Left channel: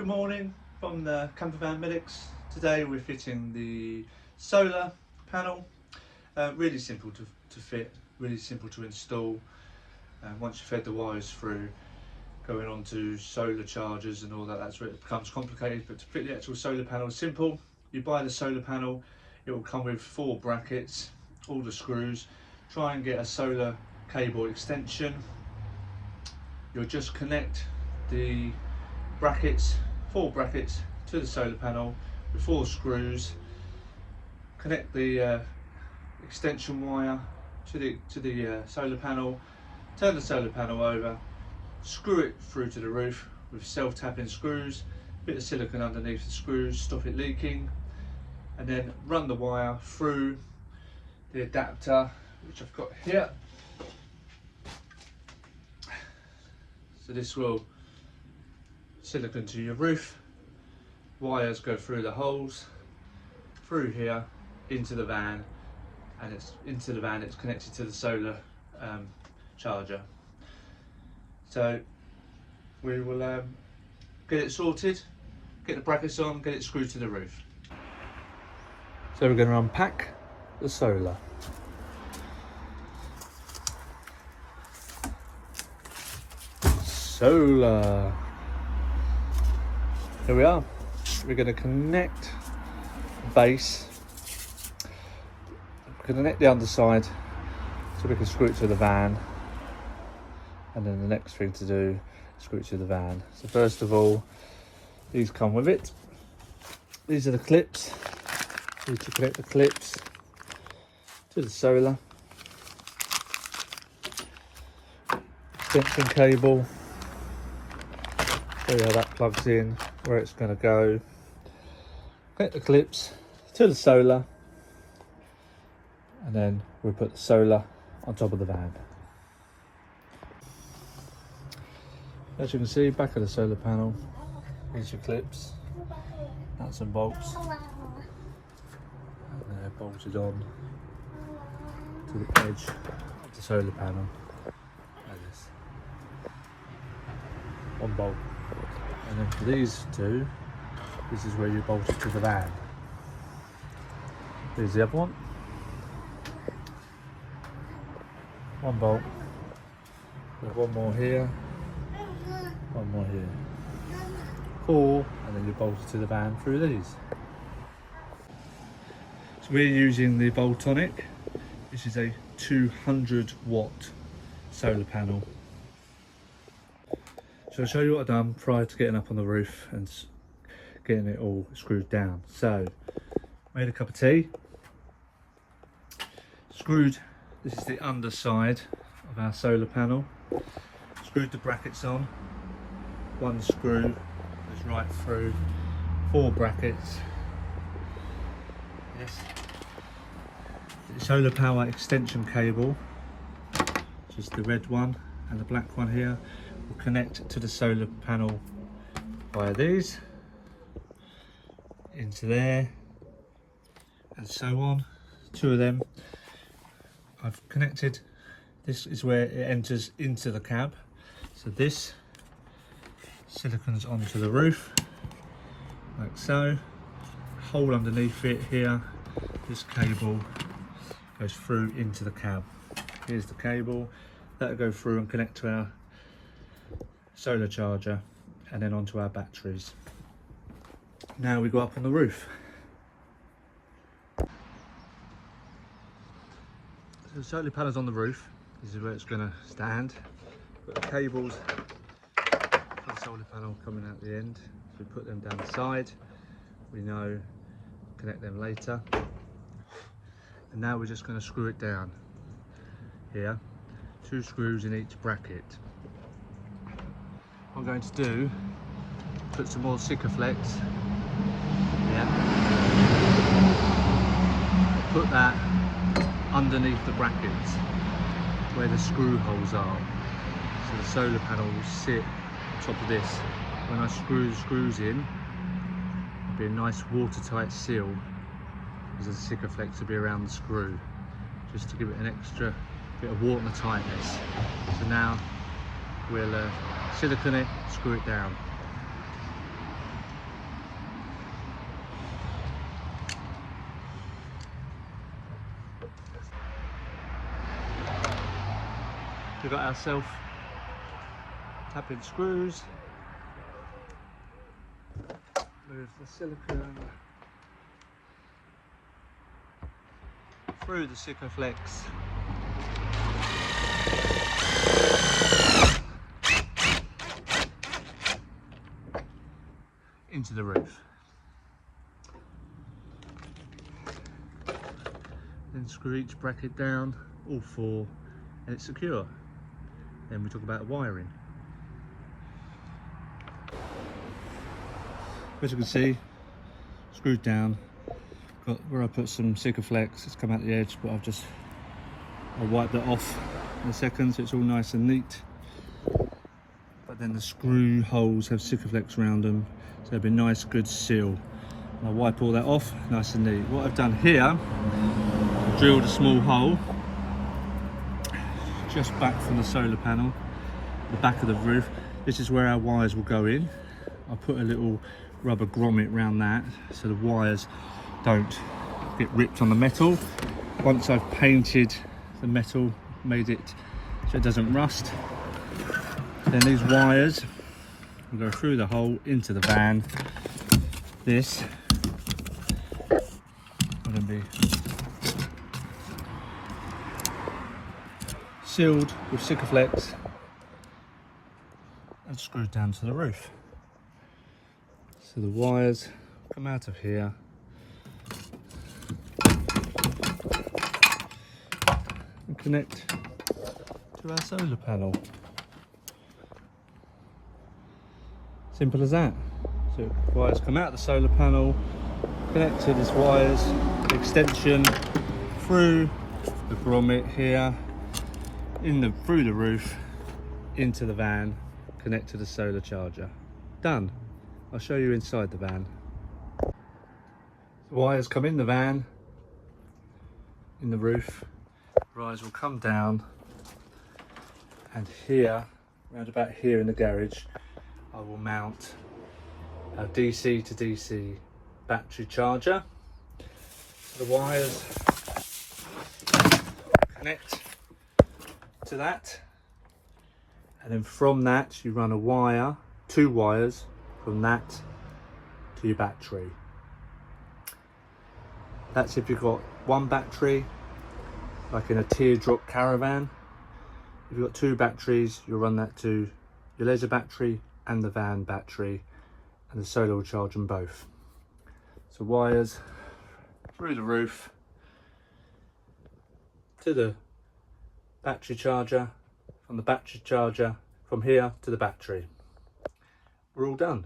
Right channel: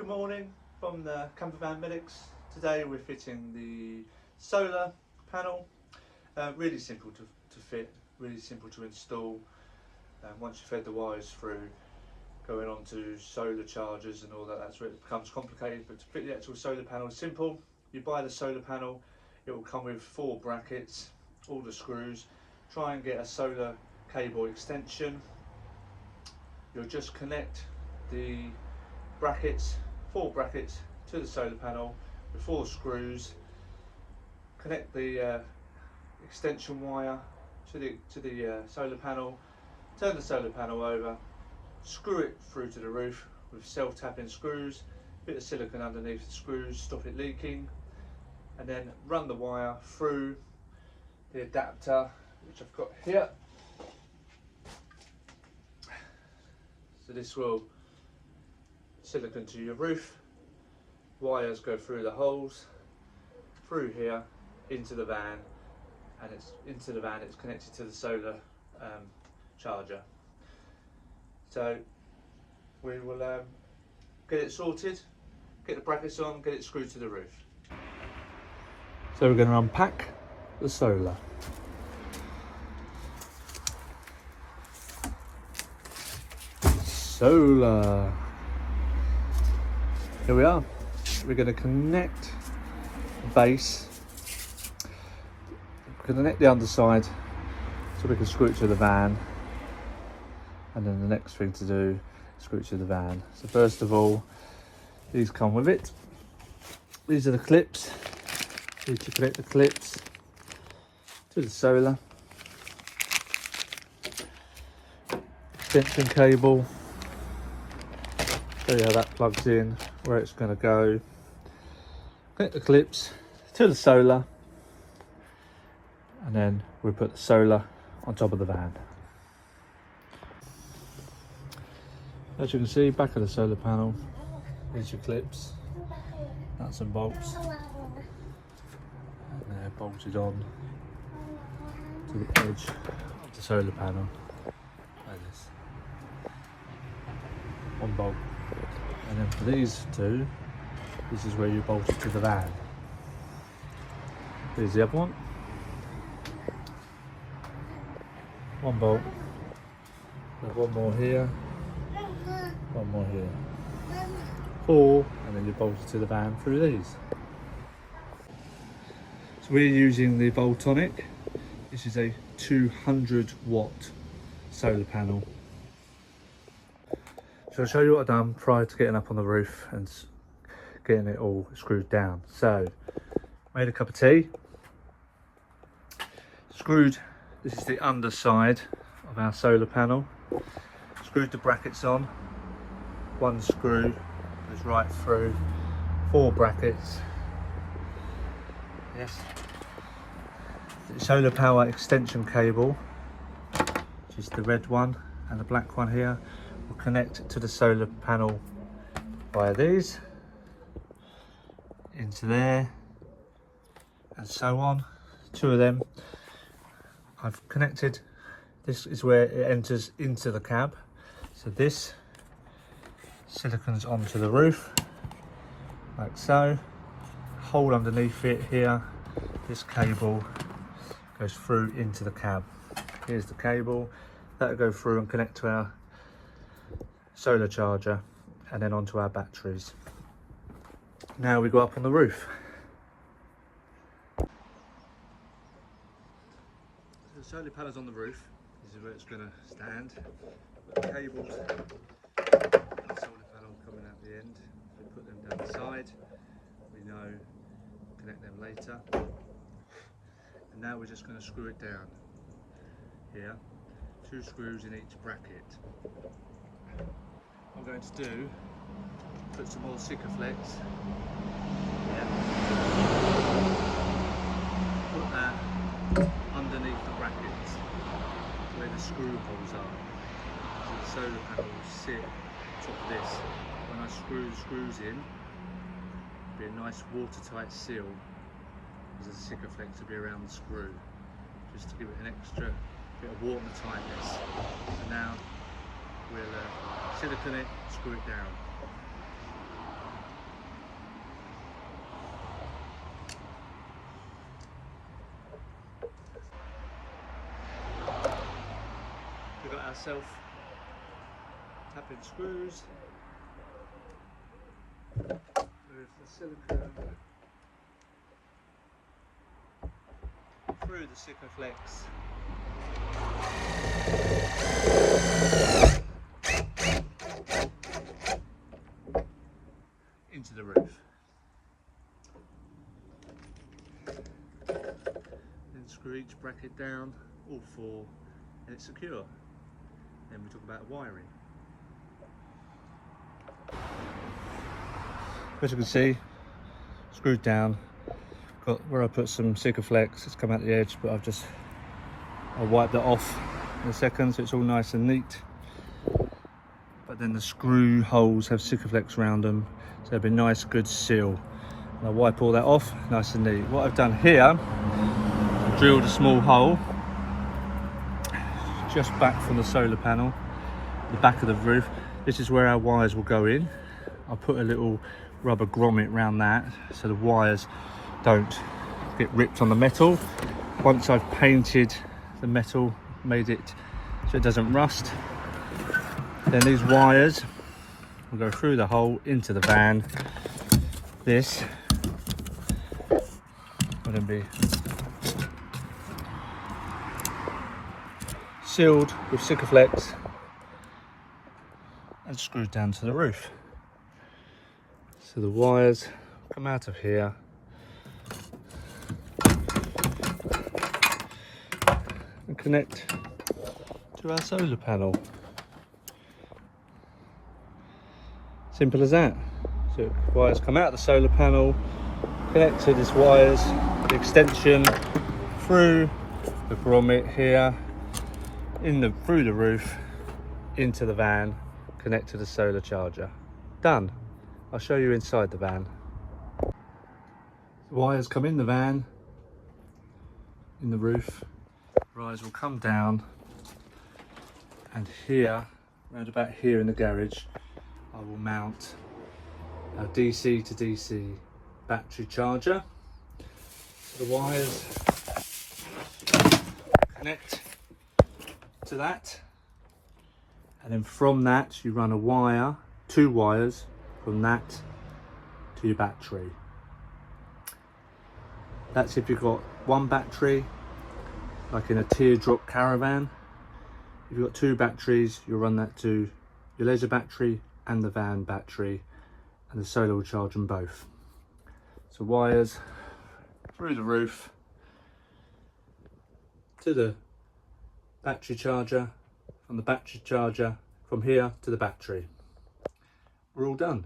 Good morning from the Campervan Medics. Today we're fitting the solar panel. Really simple to fit, really simple to install. Once you've fed the wires through, going on to solar chargers and all that, that's where it becomes complicated. But to fit the actual solar panel is simple. You buy the solar panel, it will come with 4 brackets, all the screws. Try and get a solar cable extension. You'll just connect the brackets, 4 brackets to the solar panel with 4 screws. Connect the extension wire to the solar panel. Turn the solar panel over. Screw it through to the roof with self-tapping screws. Bit of silicone underneath the screws, stop it leaking, and then run the wire through the adapter, which I've got here. So this will silicone to your roof. Wires go through the holes, through here, into the van, and it's connected to the solar charger. So we will get it sorted, get the brackets on, get it screwed to the roof. So we're going to unpack the solar. Here we are. We're going to connect the base, connect the underside so we can screw it to the van, and then the next thing to do is screw it to the van. So first of all, these come with it. These are the clips. We need to connect the clips to the solar. Extension cable. Show you how that plugs in, where it's going to go. Connect the clips to the solar, and then we put the solar on top of the van. As you can see, back of the solar panel, these are clips, nuts and bolts, and they're bolted on to the edge of the solar panel. One bolt. And then for these two, this is where you bolt it to the van. Here's the other one. One bolt. There's one more here. One more here. 4, and then you bolt it to the van through these. So we're using the Volkswagen. This is a 200-watt solar panel. So I'll show you what I've done prior to getting up on the roof and getting it all screwed down. So, made a cup of tea, screwed, this is the underside of our solar panel, screwed the brackets on, one screw goes right through, 4 brackets, yes, the solar power extension cable, which is the red one and the black one here, will connect to the solar panel via these into there and so on. 2 of them I've connected. This is where it enters into the cab, so this silicone's onto the roof like so, hole underneath it here, this cable goes through into the cab. Here's the cable that'll go through and connect to our solar charger and then onto our batteries. Now we go up on the roof. So the solar panel's on the roof. This is where it's going to stand. Got the cables for the solar panel coming out the end. So we put them down the side. We know connect them later. And now we're just going to screw it down. Here, 2 screws in each bracket. What I'm going to do, put some more Sikaflex. Yeah. I'll put that underneath the brackets where the screw holes are. So the solar panel will sit on top of this. When I screw the screws in, it'll be a nice watertight seal, because the Sikaflex will be around the screw, just to give it an extra bit of watertightness. So now we'll silicone it, screw it down. We've got our self-tapping screws. Move the silicone through the Sikaflex into the roof. Then screw each bracket down, all four, and it's secure. Then we talk about wiring. As you can see, screwed down. Got where I put some Sikaflex, it's come out the edge, but I wiped it off in a second, so it's all nice and neat. But then the screw holes have Sikaflex around them, so they'll be nice, good seal. And I wipe all that off, nice and neat. What I've done here, I've drilled a small hole just back from the solar panel, the back of the roof. This is where our wires will go in. I put a little rubber grommet around that so the wires don't get ripped on the metal. Once I've painted the metal, made it so it doesn't rust, then these wires will go through the hole into the van. This will then be sealed with Sikaflex and screwed down to the roof. So the wires come out of here and connect to our solar panel. Simple as that. So the wires come out of the solar panel, connect to these wires, the extension through the grommet here, through the roof, into the van, connect to the solar charger. Done. I'll show you inside the van. The wires come in the van, in the roof, wires will come down, and here, around about here in the garage, I will mount a DC to DC battery charger. The wires connect to that, and then from that you run a wire, two wires from that to your battery. That's if you've got one battery, like in a teardrop caravan. If you've got two batteries, you'll run that to your laser battery and the van battery, and the solar will charge them both. So wires through the roof to the battery charger, from the battery charger from here to the battery. We're all done.